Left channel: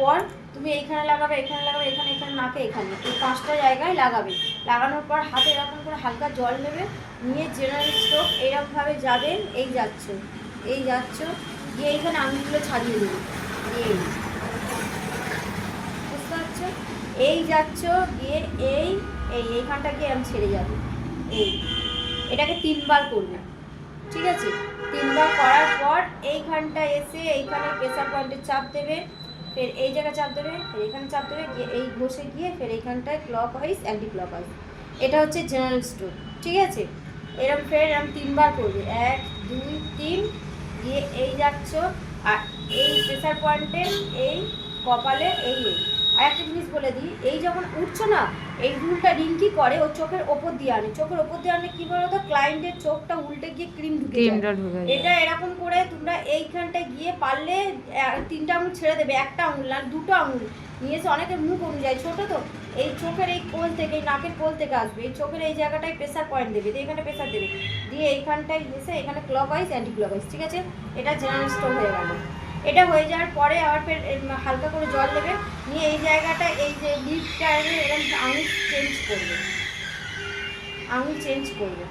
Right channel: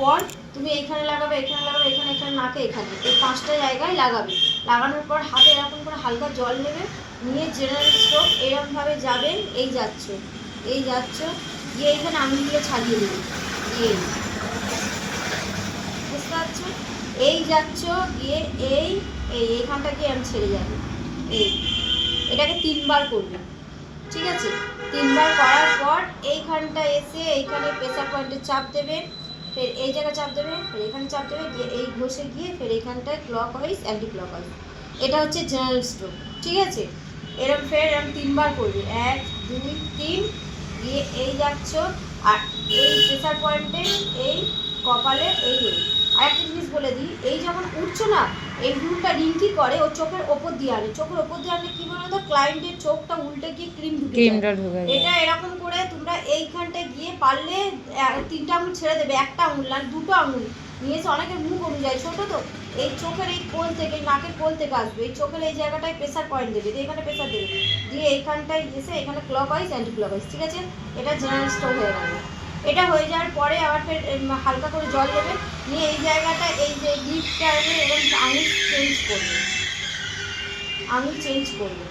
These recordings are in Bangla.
পর তুমি এইখানে লাগাবে, এখানে লাগাবে, এখানে, এখানে, নাকে, এখানে, এই 5টা জায়গায় লাগাবে। লাগানোর পর হাতে এরকম করে হালকা জল নেবে, নিয়ে জেনারেল স্ট্রোক এইরকমভাবে যাবেন, এই যাচ্ছ, এই যাচ্ছ, গিয়ে এইখানে আঙুলগুলো ছাড়িয়ে দেবে, এই বুঝতে পারছো, এই যাচ্ছ, গিয়ে এইখানটা গিয়ে আমি ছেড়ে যাবে, এটাকে 3বার করবে, ঠিক আছে? 3বার করার পর এইখানটা এসে এইখানে প্রেসার পয়েন্টে চাপ দেবে, ফের এই জায়গায় চাপ দেবে, ফের এখানে চাপ দেবে, গিয়ে এই ঘষে গিয়ে ফের এইখানটায় clock wise anti clock wise. এটা হচ্ছে জেনারেল স্ট্রোক, ঠিক আছে? এরকম ফের এরকম 3বার করবে, 1 2 3, গিয়ে এই যাচ্ছ, আর এই প্রেসার পয়েন্টে এই কপালে এই আর একটা জিনিস বলে দিই, এই যখন উঠছো না, এই রুলটা রিঙ্কি করে ও চোখের ওপর দিয়ে আনে, চোখের ওপর দিয়ে আনলে কি বলো তো, ক্লায়েন্টের চোখটা উল্টে গিয়ে ক্রিমটা ঢুকে যায়। এটা এরকম করে তোমরা এইখানটায় গিয়ে পারলে 3টা আঙুল ছেড়ে দেবে, একটা আঙুল না 2টো আঙুল নিয়ে এসে, অনেকের মুখ অনুযায়ী ছোটো তো, এই চোখের এই কোল থেকে, এই নাকের কোল থেকে আসবে, এই চোখের এই জায়গাটায় প্রেসার পয়েন্ট দেবে, এখানে প্রেসার দেবে, দিয়ে এইখানটায় এসে এখানে clock wise anti clock wise, ঠিক আছে? এটা জেনারেল স্ট্রোক হয়ে গেল। এটা হয়ে যাওয়ার পরে আবার ফের হালকা করে জল দেবে, নিয়ে এই জায়গাটা এই যে লিফটা এরকম আঙুল চেঞ্জ করবে, আঙুল চেঞ্জ করবে,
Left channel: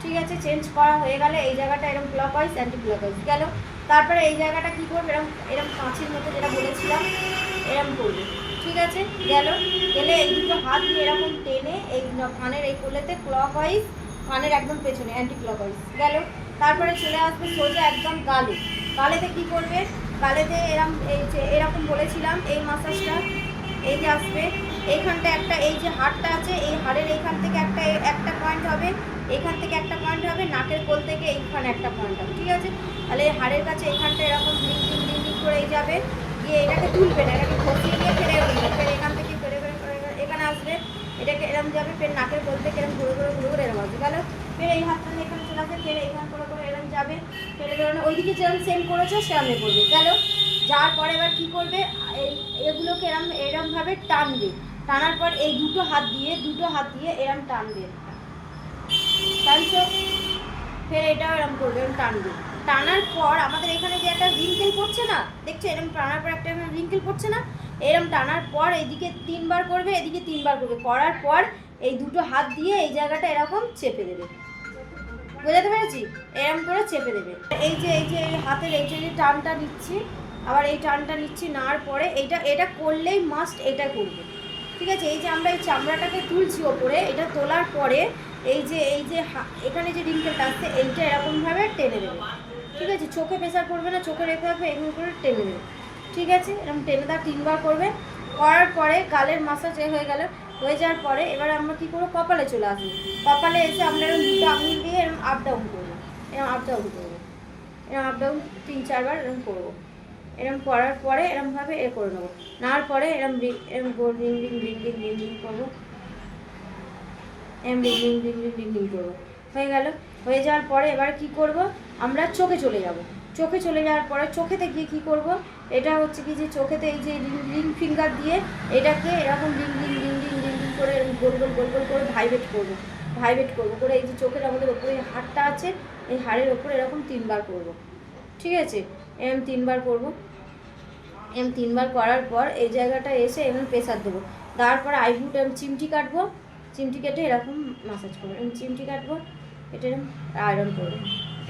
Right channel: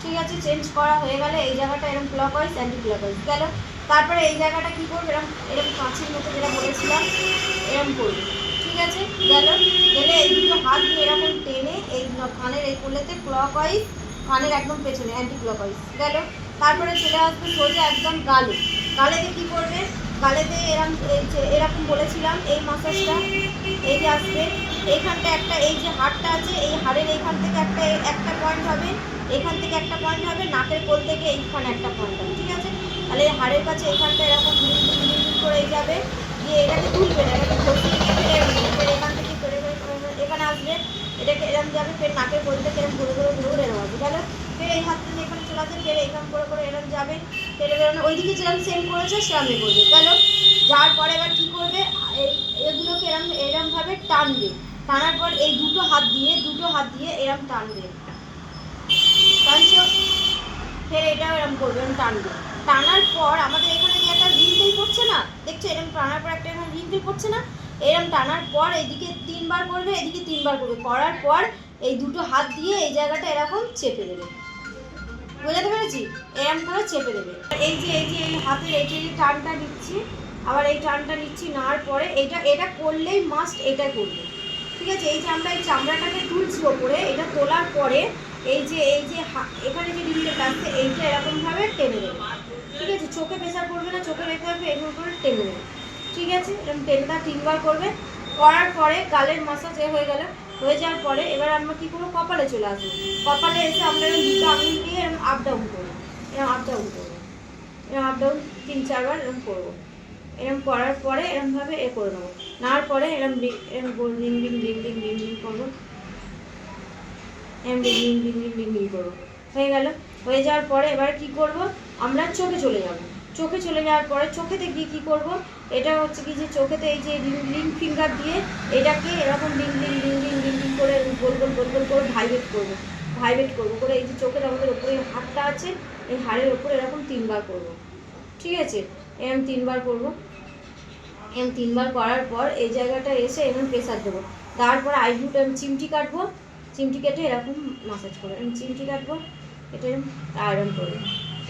ঠিক আছে? চেঞ্জ করা হয়ে গেলে এই জায়গাটা এরকম clock wise anti clock wise গেল। তারপরে এই জায়গাটা কী করবে, এরকম এরকম কাঁচির মতো যেটা বলেছিলাম এরকম করবে, ঠিক আছে? গেল, গেলে এই দুটো হাত দিয়ে এরকম টেনে এই কানের এই কোলেতে ক্লক ওয়াইজ, কানের একদম পেছনে অ্যান্টি ক্লক ওয়াইজ গেল। তারপরে চলে আসবে সোজা একদম গালে, গালেতে কী করবে, গালেতে এরকম এই যে এরকম বলেছিলাম এই মাসাজটা, এই যে আসবে এইখানটা একটা, এই যে হাড়টা আছে এই হাড়ের এইখান থেকে একটা পয়েন্ট হবে, এখান থেকে একটা পয়েন্ট হবে, নাকের কোল থেকে এইখানে একটা পয়েন্ট হবে, ঠিক আছে? তাহলে এই হাড়ের কাছে এইখানটা এরকম করে যাবে, গিয়ে এটাকে তুলবে না, এটাকে ঘষিয়ে নিয়ে ফেলে ফের এখান থেকে ফেরে এখানে আসবে, এটাকে এরম যাবে, ফের নাকের কোল থেকে এরম ঘুরে ঘুরে ঘুরে ঘুরে এরম আসবে, তাহলে ফের এই হাতটা নিয়ে এখানে চলে আসবে, ফের এইখান করে এরম যাবে, ফের বেরোনো ওইদিকে যেরকম সেম করেছে সেরমে করবে, গেল। যাওয়ার পরে এবার কী করবে, এগুলোকে এরমভাবে টানবে, টানার পর এই দুটো হাত দিয়ে এরম টানবে, টানছো, ফের এটাও এরম করবে, এরম টানবে। টানার পর আমাদের এখানে যে একটা রিঙ্কেল পড়ছে না, দেখছো এরম টানার পর একটা রিঙ্কেল পড়ছে না, এরম টানার পর এদিকে 3বার করবে, এদিকে 3বার করবে, করার পর এই দুটো হাত দিয়ে এই জায়গাটা এরকম চেপে দেবে, বোঝাতে পেরেছি? এরম করে চেপে দেবে। এই যে হাতের এই যে টানটা নিচ্ছি, আবার এই টানটা নিচ্ছি, নেওয়ার পরে এটা করলেই মাস্ট এটা করবে, ঠিক আছে? এই যে আমরা এই চামড়াটাকে তুলছি ওপরে, এটা তোলার পরে এই যে এখানে যে রিঙ্কেলটা আসছে এইটা এরকমভাবে টেনে দেবে, ঠিক আছে? চোখে প্রেসার করবে না, চোখে রেখে হবে, এগুলো করে টেনে দেবে, ঠিক আছে? এরকম টেনেটা 3বার করবে, করার পরে গালের মাসাজ হয়ে গেল। হয়ে যাওয়ার পরে এবার আমরা কী করবো, কপালে চলে আসবো, কপালে এসে আমরা এরকম দুটো আঙুল দিয়ে এরকম আপ ডাউন করবো, এরকম আপ ডাউন করবো, এরকম আপ ডাউন 3-4বার এরকম করবো, এরকম করার পরে এরকমভাবে করে নেবো, নেওয়ার পরে এরকম ring ring ring ring ring ring করবো, এরকম ring ring ring ring ring ring করবো, হয়ে গেল। হয়ে যাওয়ার পরে এবার কী করবো, আমরা চোখে চলে যাব, চোখে চলে যাওয়ার পরে চোখেতে গিয়ে কী করবো, এটা হচ্ছে কি যে চোখেতে এই যে রিং ফিঙ্গার দিয়ে এটাকে এরকম ring ring ring ring ring ring করে গোল গোল গোল গোল করে ভাইব্রেট করবো করে এই যে চোখের আমাদের ওপরে হাড়টা আছে, এই হাড়ের ওপরে এরকম 3বার করবো, ঠিক আছে? এরকম 3বার করবো, এরকম 3বার করার পর এই জায়গাটা এসে এরকম প্রেসার দেবো, তারপর আইব্রুটা চিমটি কাটবো, চিমটি কেটে এরকম মাসাজ করবো, এরকম চিমটি কাটবো, এটা এরকম আয়রন করবো,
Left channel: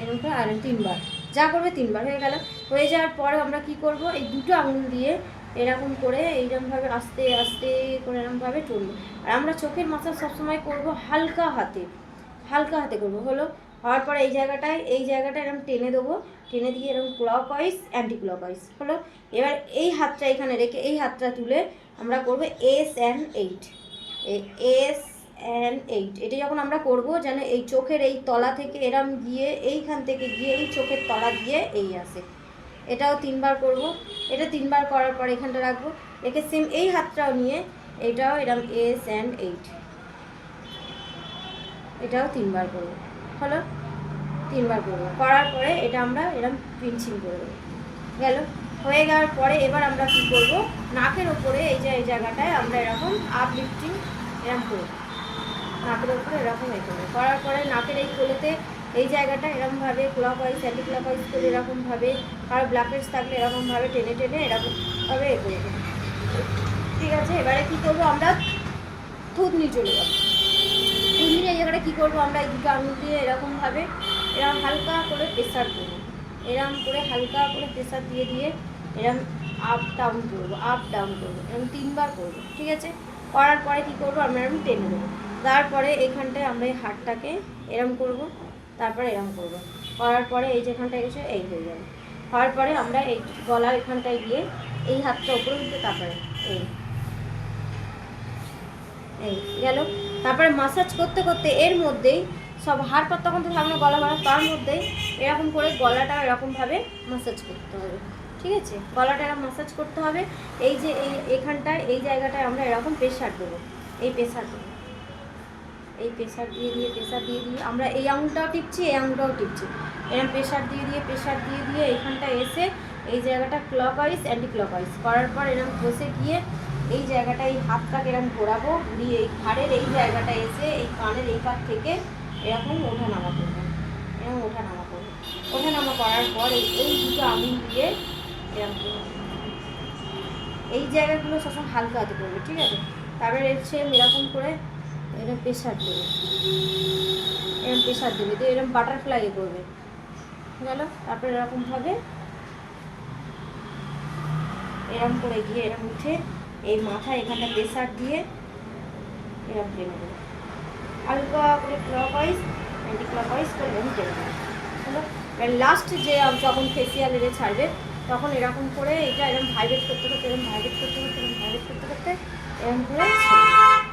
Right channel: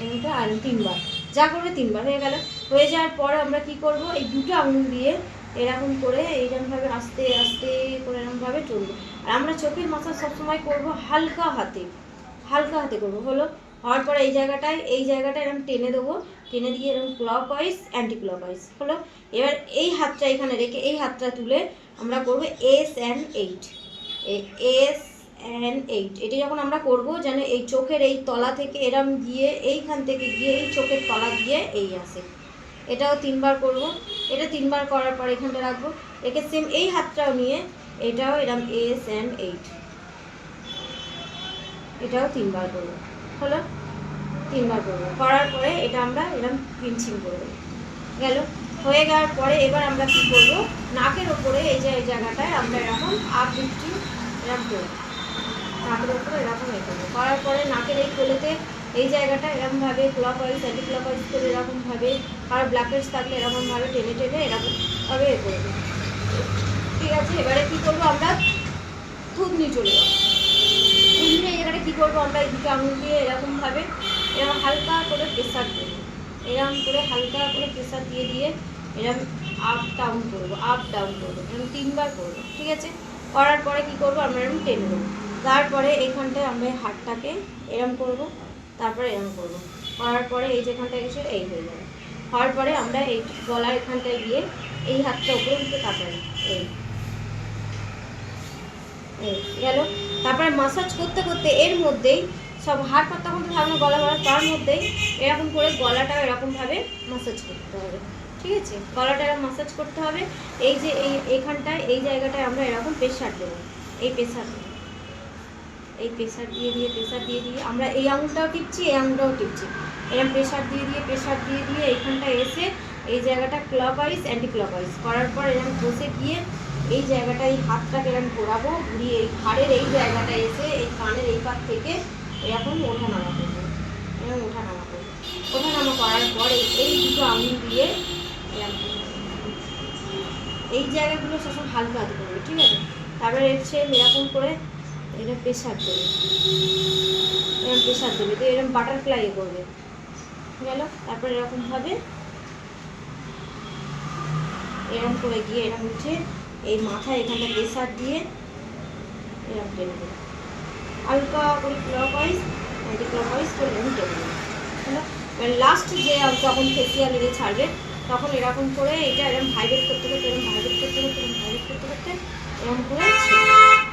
এরকমটা আয়রন 3বার, যা করবে 3বার হয়ে গেল। হয়ে যাওয়ার পর আমরা কি করব, এই দুটো আঙুল দিয়ে এরকম করে এইরকমভাবে আস্তে আস্তে করে এরকমভাবে চলবো, আর আমরা চোখের মাসাজ সবসময় করবো হালকা হাতে করবো, হলো। হওয়ার পরে এই জায়গাটায় এরকম টেনে দেবো, টেনে দিয়ে এরকম clock wise anti clock wise, হলো। এবার এই হাতটা এখানে রেখে এই হাতটা তুলে আমরা করবো S&8, S&8, এটা যখন আমরা করবো যেন এই চোখের এই তলা থেকে এরম গিয়ে এইখান থেকে গিয়ে এই চোখের তলা দিয়ে এই আসে, এটাও 3বার করবো। এটা 3বার করার পর এখানটা রাখবো, একে সেম এই হাতটাও নিয়ে এটাও এরম S&8, এটাও 3বার করবো, হলো। 3বার করবো, করার পরে এটা আমরা এরম পিনচিং করে দেবো, গেল। হয়ে যাওয়ার পরে এবার আমরা কী করবো, নাকের ওপরে এই যে এই জায়গাটায় আমরা এরকম আপ লিফটিং এরকম করবো, নাকের ওপরে এরকম করবো, করার পরে নাকের এই কোলেতে এই জায়গাটা এরকমভাবে clock wise anti clock wise করে এরকমভাবে, আর ব্ল্যাক থাকলে এরকমভাবে টেনে টেনে এরকমভাবে করবো, আছে। এবারে কি করবো আমরা, থুতনি চলে যাবো। থুতনি এই জায়গাটা কী করবো আমরা, এই দুটো আঙুল দিয়ে এরকমভাবে এরকম হালকা করে প্রেসার দেবো, এরকম করে হালকা করে প্রেসার দিয়ে দিয়ে এরকম আপ ডাউন করবো, আপ ডাউন করবো, এরকম 3 বার করবো। ঠিক আছে, করার পরে কী করবো আমরা এরকম টেনে দেবো। তারপরে এইখানটায় আমরা এই হাতটাকে এরম করবো, তারপরে এরম করবো, করার পরে এই যেখানটায় এসে এই হয়ে যাবে। হওয়ার পরে আমরা এই গলার এখানটায় গিয়ে এই হাতটা উপরে উঠতে, তারপরে এই এই গেল। তারপরে মাসাজ করতে করতে এর মধ্যেই সব হাড় পর তখন তো সামনে গলা গলা, তার মধ্যেই এরকম করে গলাটা এরকমভাবে মাসাজ করতে হবে। ঠিক আছে, গলাটা এরকম মাসাজ করতে হবে। এই যে এখানটায় এই জায়গাটায় আমরা এরকম প্রেশার দেবো, এই প্রেশার দেবো, এই প্রেশার দিয়ে দিয়ে প্রেশার দিয়ে দিয়ে আমরা এই আঙুলটাও টিপছি, এই আঙুলটাও টিপছি, এরকম প্রেশার দিয়ে দিয়ে প্রেশার দিয়ে দিয়ে এইখানটা এসে এই জায়গাটা ক্লকওয়াইজ অ্যান্টি ক্লকওয়াইজ করার পর এরকম বসে গিয়ে এই জায়গাটা এই হাতটাকে এরকম ঘোরাবো, ঘুরিয়ে এই ঘাড়ের এই জায়গাটা এসে এই কানের এই পাশ থেকে এরকম ওঠা নামা করবো, এরকম ওঠা নামা করবো। ওঠা নামা করার পর এই দুটো আঙুল দিয়ে এরকম এই জায়গাগুলো সবসময় হালকা হাতে করবে। ঠিক আছে, তারপরে এসে এরকম করে এরকম প্রেশার দেবে, এরকম প্রেশার দেবে, তো এরকম বাটারফ্লাই করবে। গেল, তারপরে এরকমভাবে এরকম করে গিয়ে এরকম উঠে এই মাথায় এখানটা প্রেশার দিয়ে এরকম টেনে দেবে, হালকা করে ক্লকওয়াইজ অ্যান্টি ক্লকওয়াইজ করে এরকম টেনে দেবে। হলো, এবার লাস্ট যে যখন ফেসিয়াল এনে ছাড়বে তখন এরকম করে এটা এরকম ভাইব্রেট করতে করতে, এরকম ভাইব্রেট করতে করতে, এরকম ভাইব্রেট করতে করতে এরকম করে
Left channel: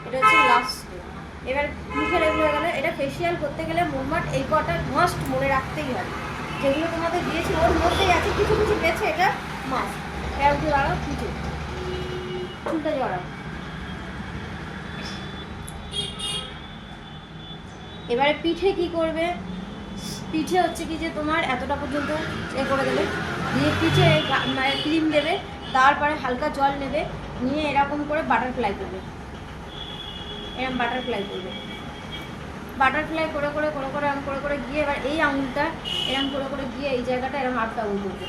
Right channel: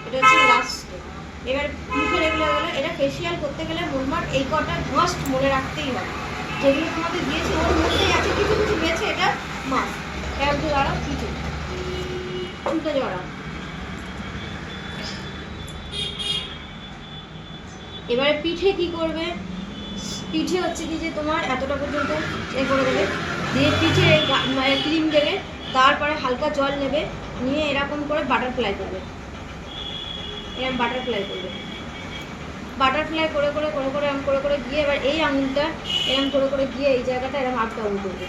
এটা হচ্ছে লাস্ট। এবার মুখে এগুলো হয়ে গেলো। এটা ফেসিয়াল করতে গেলে মোটমাট এই কটা মাস্ট মনে রাখতেই হবে, যেগুলো তোমাদের দিয়েছি ওর মধ্যেই আছে, কিছু কিছু পেয়েছে, এটা মাস্ট। এক দু আরও কিছু চুলটা জড়া। এবারে পিঠে কি করবে, পিঠে হচ্ছে কি যে তোমার এতটা পর্যন্ত এ করে দেবে, দিয়ে পিঠে ক্রিম দেবে, তারপরে হালকা জল নেবে, নিয়ে এরকম করে বাটারফ্লাই করবে, এরকম বাটারফ্লাই করবে, বাটারফ্লাই করে করে করে করে এরকম করে করে গিয়ে এবার এই আঙুলটা এরকম করে করে গিয়ে এই জায়গাটা এরকম আপ ডাউন করবে,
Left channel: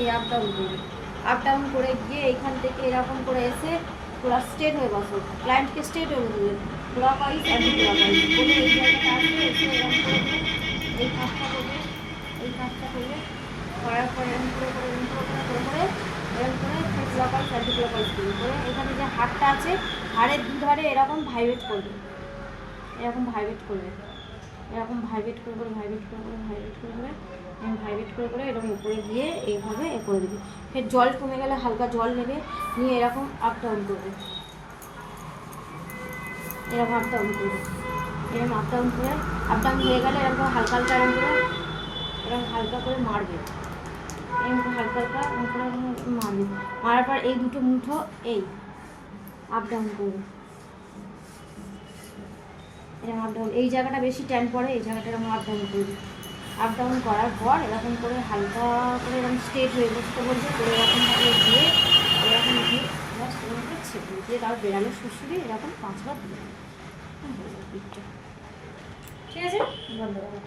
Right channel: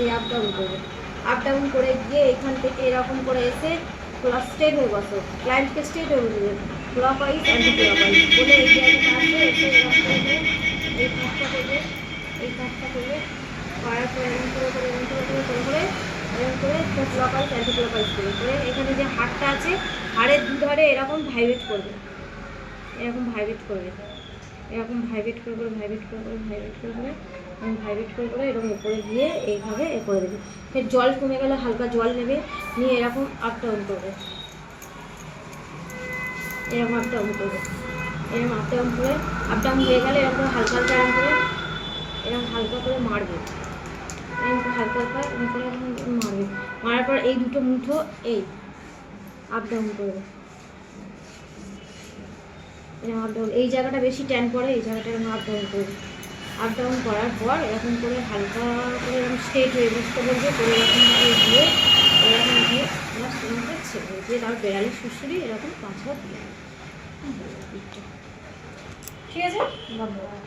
এই আপ ডাউন করবে, আপ ডাউন করে গিয়ে এইখান থেকে এরকম করে এসে ক্লাস স্ট্রেট হয়ে বসো, ক্লায়েন্টকে স্ট্রেট হয়ে বসবে, clock wise anti clock wise বলে এই জায়গাটা আসবে, এসে এরকম করবে, এই কাজটা করবে, এই কাজটা করবে, করার পর এরকম করে করে এরকম করে করে করে করে এরকম করে clock wise anti clock wise করে করে এখানে যে হাড়টা আছে হাড়ের দুধারে এরকম ভাইব্রেট করবে, এরকম ভাইব্রেট করবে, এরকম ভাইব্রেট করে করে ভাইব্রেট করে করে ভাইব্রেট করে করে ভাইব্রেট করে করে এরকম উপরে গিয়ে এইভাবে এ করে দেবে। ফের জল কমে গেলে হালকা জল নেবে, নিয়ে এরকম আপ ডাউন করবে, এরকম আপ ডাউন করবে, এরকম আপ ডাউন করে আপ ডাউন হয়ে গেলে এরকম করে হালকা হালকা এরকম হালকা করে মারবে, এরকম করে হালকা হালকা এরকম করে মারবে, মারার পর এই দুটো মুঠো এই আপ ডাউন করবে, এরকম আপ ডাউন, এই জায়গাটা বেশি ট্যান পড়ে, এই জায়গাটা এরকম আপ ডাউন করবে, আপ ডাউন করার পর এরকম করে হালকা করে এরকম স্ট্রেট হয়ে বসতে বলবে, করে এরকমভাবে দিয়ে এরকম দিয়ে আমার স্টুডেন্টকে ছেড়ে দিয়ে তার বেড়ালের শুশুরি এরকম 5 বার দিয়ে ঠিক আছে, ধন্যবাদ।